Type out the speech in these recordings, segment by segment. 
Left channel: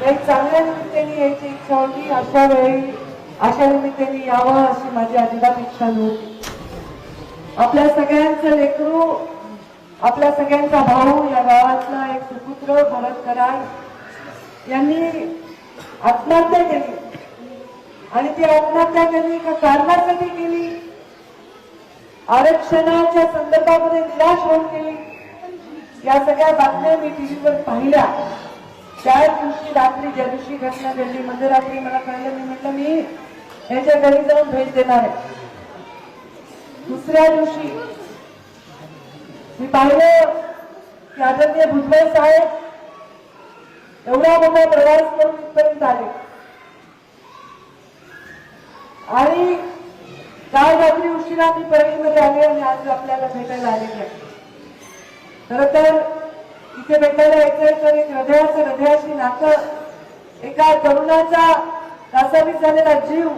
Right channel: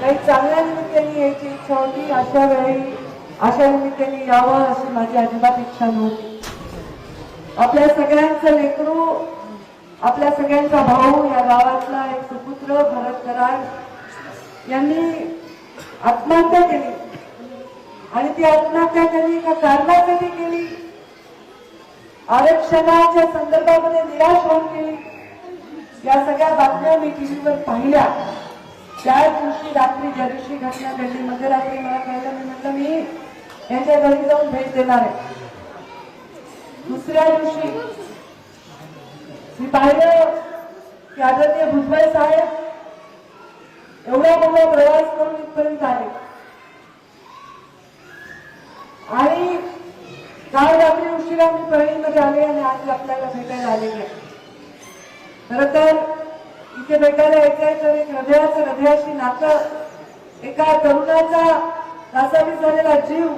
काही चांगल्या निमित्ताने यायची इच्छा होती. अशा वेळी अशा निमित्ताने यावं अशी माझी अजिबात इच्छा नव्हती. आपल्या सगळ्यांचं लेकरू आपल्या सगळ्यांचा भाऊ या गावातला एक सुपुत्र भरत कराड यांनी आत्महत्या केली. आणि ती आत्महत्या त्यांनी एका कारणासाठी केली. आरक्षणाच्या संदर्भामध्ये निराश होऊन गेली या सगळ्या बातम्या मी टीव्हीवर पाहिल्या. त्या दिवशी रात्री ज्या दिवशी घटना घडली मध्यरात्री मला कळलं मी म्हटलं मी यांच्या घरी जाऊन भेट देणार आहे. दुसऱ्या दिवशी मी पाहिलं की आदरणीय भुजबळ साहेब एवढा मोठा प्रवास करून इथपर्यंत आले. आणि काल रात्री उशिरा मी परळीमध्ये आले आणि आज आपल्याला भेटायला आलेली आहे. खर तर इथे भेटायला यायचंय तर एक हृदयाचं हृदयाशी नातं एका तरुणाचा कासावीस झालेला जीव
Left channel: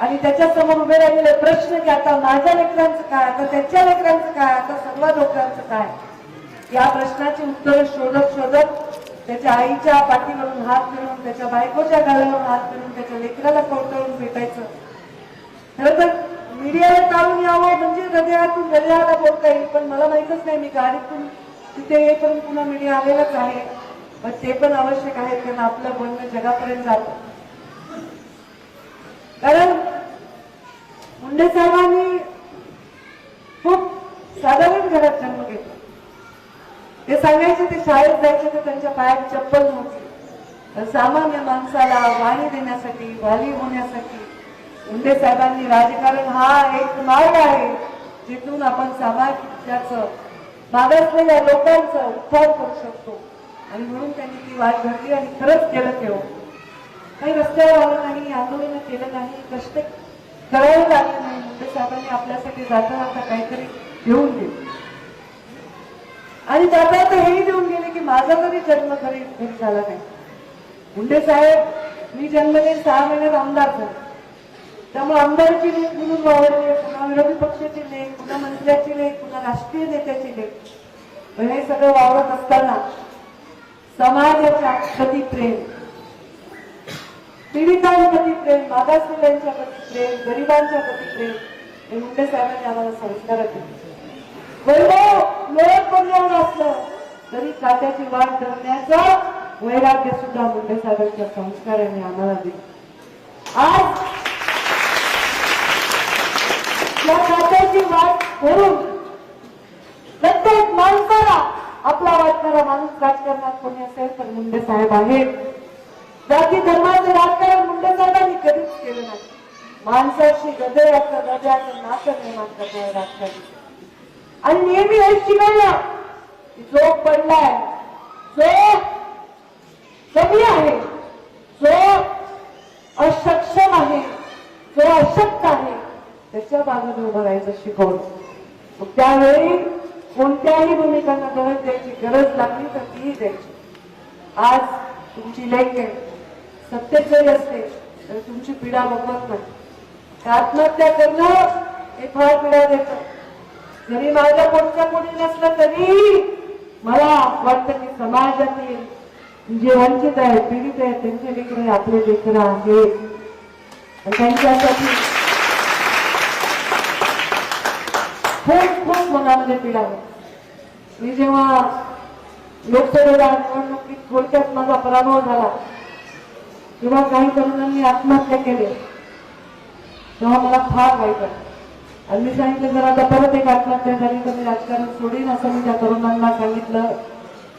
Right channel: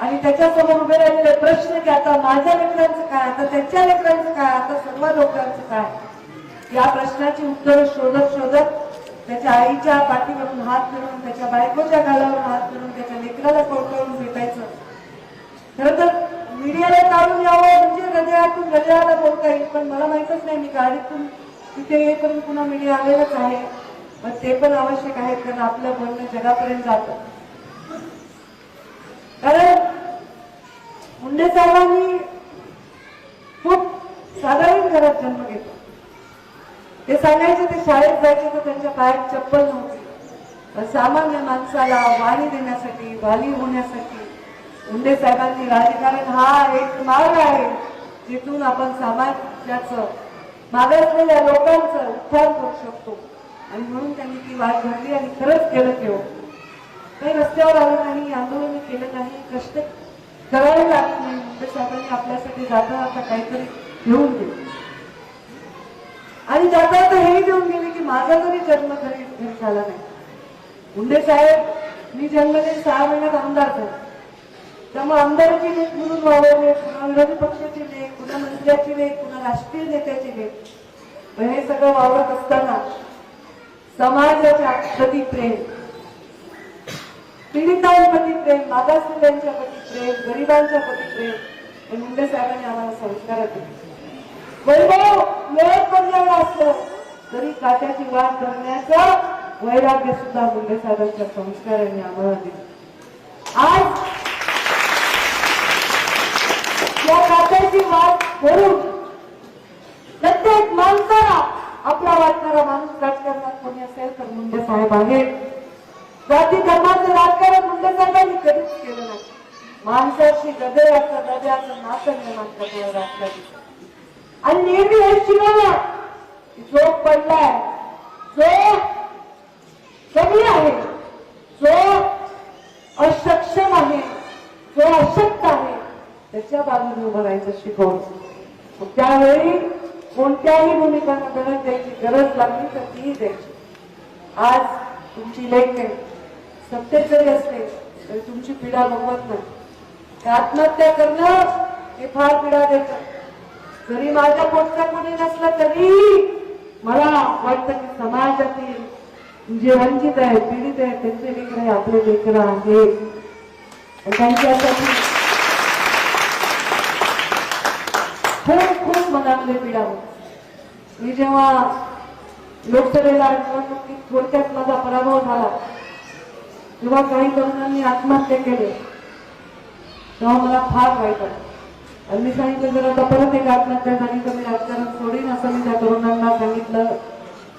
आणि त्याच्यासमोर उभे राहिलेले प्रश्न की आता माझ्या लेकरांचं काय आता त्याच्या लेकरांचं काय आता सर्व लोकांचं काय? या प्रश्नाची उत्तरं शोधत शोधत त्याच्या आईच्या पाठीवरून हात मिळून त्याच्या बायकोच्या गालावर हात मिळून त्याच्या लेकराला कवटवून भेटायचं. खरं तर मीडियाला काढून यावं म्हणजे हृदयातून हृदयाला बोलता येईल पण मला माहितच नाही मी गाडीतून तिथे हे करून पुन्हा मीडिया आलेलंच आहे. पण ते पण आवश्यक आहे कारण आपलं बोलणं जगापर्यंत जातं. कारण मुंडे साहेबांनी खूप साधारण घरात जन्म घेतला. ते सांगायचे ते शाळेत जायचे तर त्यांच्या पायात चप्पल नव्हती. सामान्य माणसाला वाणी देण्यासाठी वाली होण्यासाठी मुंडे साहेबांनी राजकारण हा एक मार्ग आहे जिथून आपण समाजाचं मागासलेल्या लोकांचा उद्धार करू शकतो. आणि म्हणून त्यांनी ती वाट धरली आणि खरंच केलं तेव्हा हो. काही रस्त्यावर आलं नाही आंदोलन केलं नाही कष्ट करायला लागलं नाही मुंडे साहेबांनी आपल्यासाठी जाता आता काहीतरी घेऊन दिले आणि जाता आता हेही देऊन गेले की माझा तरी जन्म घरी झाला नाही. मुंडे साहेब मी जन्मले सहा महिन्यात आमदार झाले. त्यामुळे आमदाराची लेख म्हणून वावरले पुन्हा विरोधी पक्षाची लेख पुन्हा मंत्र्याचे लेख पुन्हा राष्ट्रीय नेत्याची लेख हे सगळं वावरत असताना समाजाच्या प्रति प्रेम पीडितांप्रती प्रेम मागासलेल्यांच्या प्रति प्रेम गरिबांच्या प्रति प्रेम हे मुंडे साहेबांनी आम्हाला संस्कार दिले वैभव लोक कल्याण असलं तरी तात्याची वाट धरण्याचा वैराग्य सुद्धा मुंडे साहेबांच्या संस्काराने आम्हाला दिली आज या तात्याची वाट धरून प्रत्येक माणसाला आपला वाटणारा माणूस राजकारणात कोणी असेल तर मुंडे साहेब आहेत जाती धर्माचं राजकारण मुंडे साहेबांनी कधीच केलं नाही. माणसाशी गदयाचं हृदयाचं नातं निर्माण करणारे राजकारणी. आणि नेहमी हे शिकवलं जो पडलाय जो कमी आहे जो असक्षम आहे जो अशक्त त्याच्या बाजूने उभं राहायचं शिकवलं त्यावेळी कोणत्याही भूमिकांना गरज द्यायची गरज लागली तर तीही द्यायची. आज तुमची लेख आहे सत्तेत जरी असते तरी तुमची पीडा बघवत नाही. आत्महत्या करणं हे फार पीडा देत जरी माझ्या कोणत्या कोणी नसलं तरी मला वाटतं की समाजातील जे वंचित आहेत पीडित आहेत त्यांचे लेकर आपले लेकर आहेत. त्यांच्यासाठी खूप खूप मनामध्ये पीडा मी जेव्हा लोकसभेला निवडणुकीत थोडक्यात माझा पराभव झाला किंवा काही तरुणांनी आत्महत्या केली. तेव्हा मला फार वाईट वाटलं. आणि मी सांगितलं जर आता परत एक आत्महत्या झाली तर मी राजकारण सोडीन असं मी त्या तरुणांना सांगितलं.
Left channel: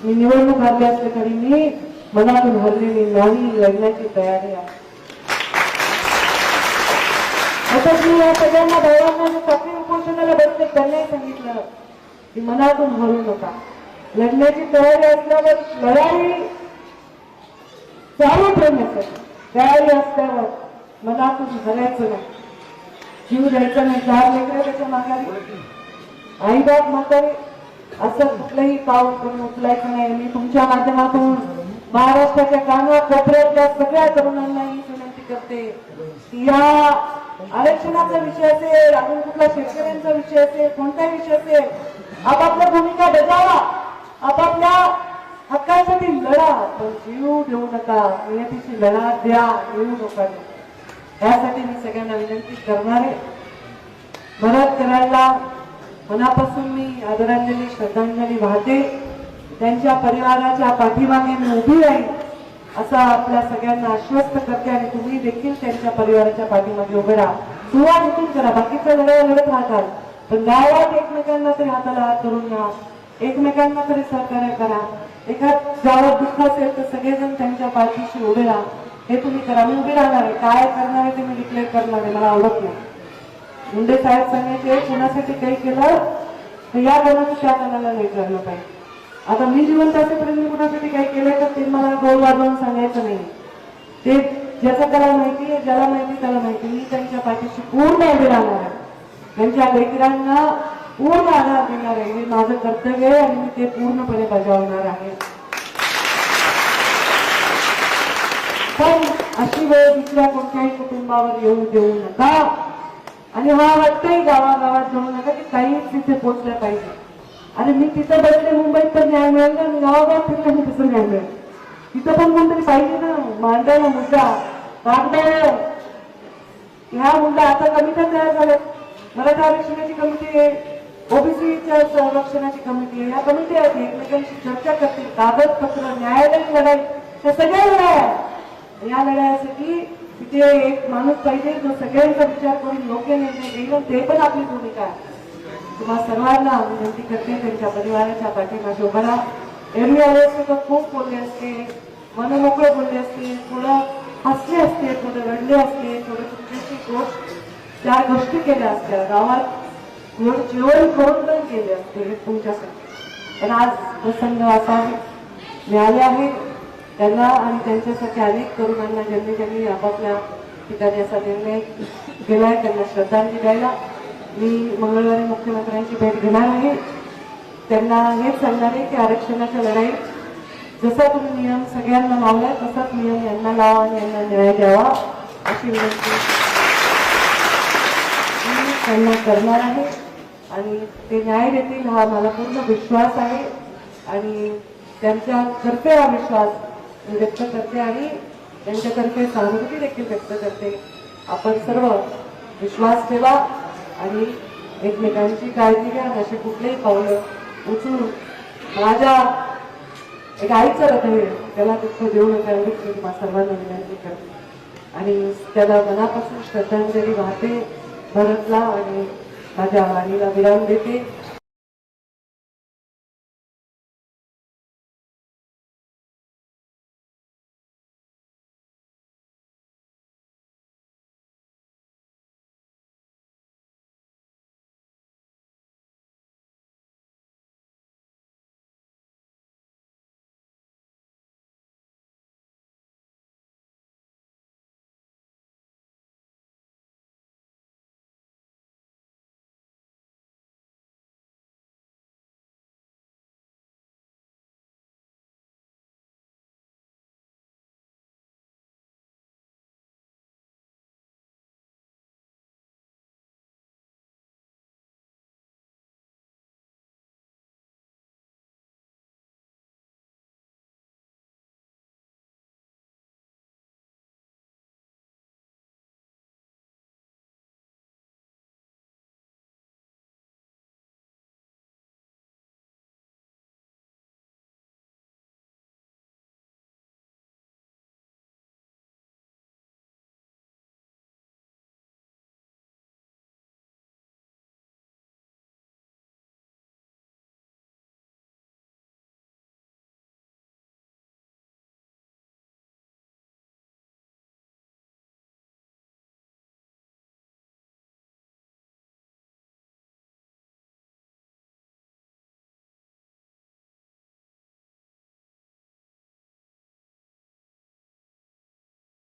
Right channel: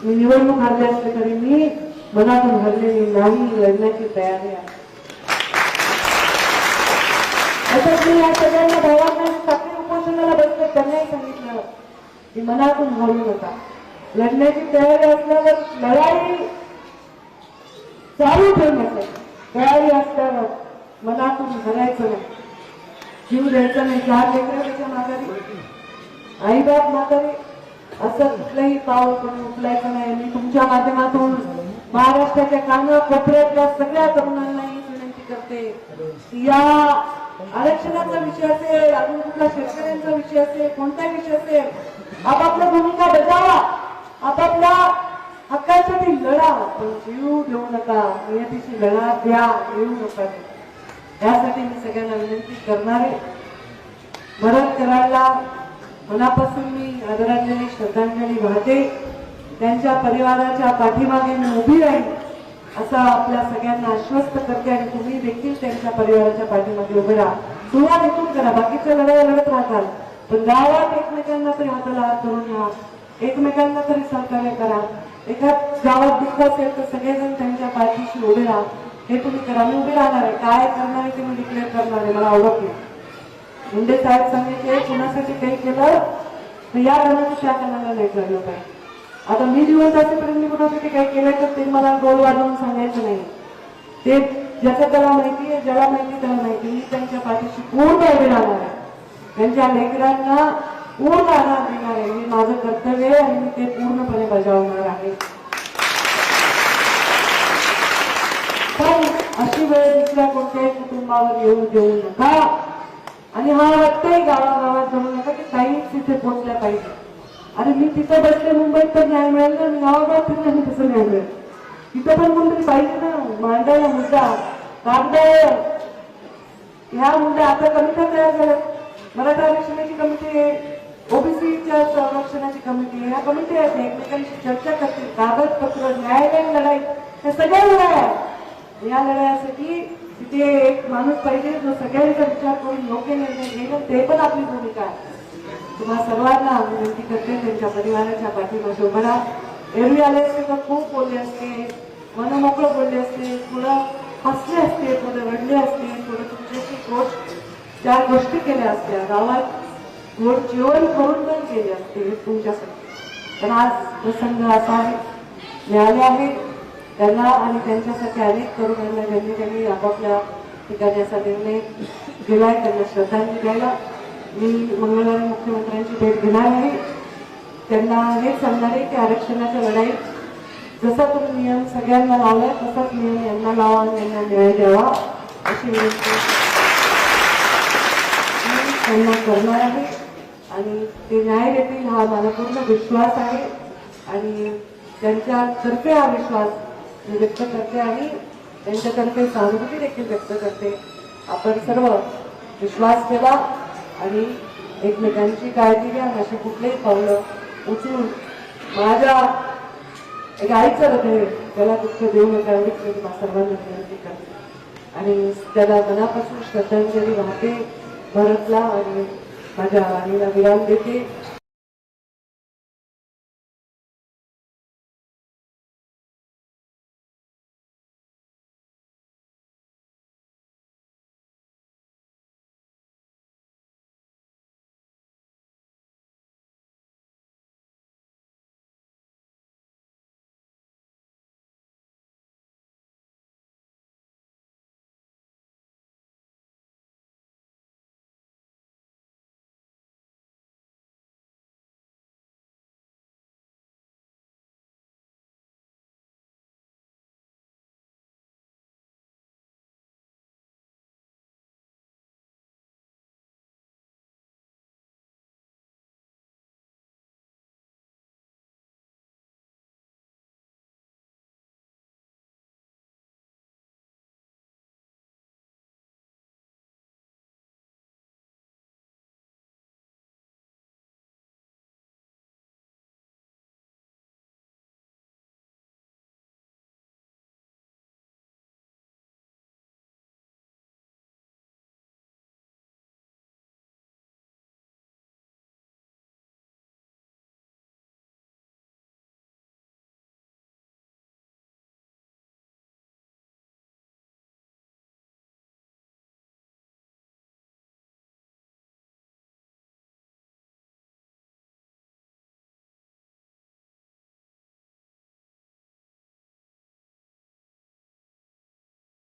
मी निवडणूक हरले असले तरी मी मनातून हरलेली नाही लढण्याची तयारी आहे. असंच मी या सगळ्यांना भावांना साखळी उपोषणाला बसले त्यांनाही सांगितलं. की मनातून हरू नका. लढण्याची तयारी असल्यावर लढाई चालू ठेवण्याचं तयारी असल्यावर मनातून हरायचं नाही. जीव द्यायचा नाही. चार लेकरं त्याच्या माघारी आईबाप म्हातारी असं कुठलंही पाव करून उचलायचं नाही. मी तुमच्या माध्यमातून महाराष्ट्राच्या काना कोपऱ्यातल्या सगळ्या तरुणांना ही करते. या आरक्षणाचा विषय असेल अजून कुठला शेतकऱ्यांचा विषय असेल कोणताही विषय असेल आपापल्या भूमिका बजावा. आपापल्या हक्कासाठी लढा. पण जीव देऊ नका. नियतीशी लढा द्या. येऊ नका. यासाठी मी सगळ्यांना विनंती करणार आहे. भरत कल्याणला मनापासून मी आदरांजली श्रद्धांजली वाहते. त्यांच्या परिवाराच्या पाठीमागे मी उभी राहील असं आपल्या सगळ्यांना आश्वस्त करते आणि तुम्ही देखील त्यांच्या परिवाराच्या पाठीमध्ये उभे राहा. सुरुवात इथून करा. बाकीच्या लढाया लढत राहतात. पण गावात एकमेकांना तरी हाताला हात धरून घ्या एकमेकांना तरी सहकार्य करा. एखाद गावात दुःख असेल तर सगळेजण त्यांच्या पाठीशी उभे राहा. हे तुम्ही करा. मी उभी राहणार आहे. काय करणार आहे ते मी डिक्लेअर करणार आहे. मला आवडत नाही. मुंडे साहेब सांगितले कुणासाठी काही केलं? तर या गणाचं त्या गणाला नाही पाहिजे. आता मी दिवस असेपर्यंत कुणासाठी काही केलंय तर ते मला गोल वाजवून सांगायचं नाही. ते ज्याचं त्याला माहिती आहे ज्याला माहिती त्याला माहिती मी त्यांच्या पाठीशी पूर्ण उभे राहणार आहे. त्यांच्या लेकरांना पूर्ण आधार देणार आहे. मी माझं कर्तव्य आहे आणि मी ते पूर्णपणे बजावणार आहे. पण अशी वेळ दुसऱ्या कोणत्याही कुटुंबावर येऊ देऊ नका. आणि मला वाटतंय गावागावात जाऊ नका की काहीच तिथे पोचलं पाहिजे. आणि मी तिथं बसले मुंबईत तर न्याय मिळेल ना मी गावागावात फिरले मी तसं न्याय मिळेल. तिथं पण कोणतरी पाहिजे ना? मांडायला मुद्दा कागदावर ह्या मुद्दा आता कमिट्या तयार झाल्या मराठा आरक्षणाची कमिटी आहे ओबीसीच्या संरक्षणाची कमिटी आहे. ह्या कमिटी आहेत एकमेकांशी चर्चा करतील. कागदपत्र न्यायालयीन लढाई त्या सगळ्या लढाया या लढायासाठी तिथे एक माणूस पाहिजे जो सगळ्यांचा विचार करून योग्य निर्णय घेईल ते पण आपली भूमिका आहे. तुम्हा सर्वांना विनंती करते त्यांच्या परिवाराच्या पाठीमागे उभं राहा. एरवी आले असते तर खूप बोलले असते मन मोकळं बोलले असते थोडं हसले असते थोडे रडले असते थोडे तुमच्याशी गोष्ट चार गोष्टी केल्या असत्या. गावात गोड जीवन करून पण केले असते हे तुमच्यासाठी. पण आज प्रसंग असा आहे मिळाले आहे त्यांना आणि त्यांच्यासाठी अनेक तरुणांना ज्यांनी त्यांनी आपापल्या ठिकाणी असा निर्णय केलाय त्यांना श्रद्धांजली द्यायला. मी मंगळवारी मुख्यमंत्र्यांची भेट घेणार आहे. त्यांना हेच सांगणार आहे की आरक्षणाच्या लढाईत जसा तुम्ही नियम सगळ्यांना लावलाय तसाच नियम यांना लावा आणि यांना न्याय द्यावा अशी विनंती मी त्यांना करणार आहे. आणि ते न्याय देतील हा मला पूर्ण विश्वास आहे. आणि त्यांच्यातर्फे हा विश्वास मी व्यक्त करते आणि त्यांच्यातर्फे सहानुभूती देखील व्यक्त करते. आपण सर्व विश्वास ठेवा. आणि एकमेकांची काळजी घ्या असे अशी कुठलेही पावलं उचलून माझ्या एक आईचं हृदय त्याला दुःख देऊ नका एवढीच मी सर्वांना विनंती करते. आणि त्याला मनापासून श्रद्धांजली वाहते भरतला आणि माझ्या वाणीला विराम देते.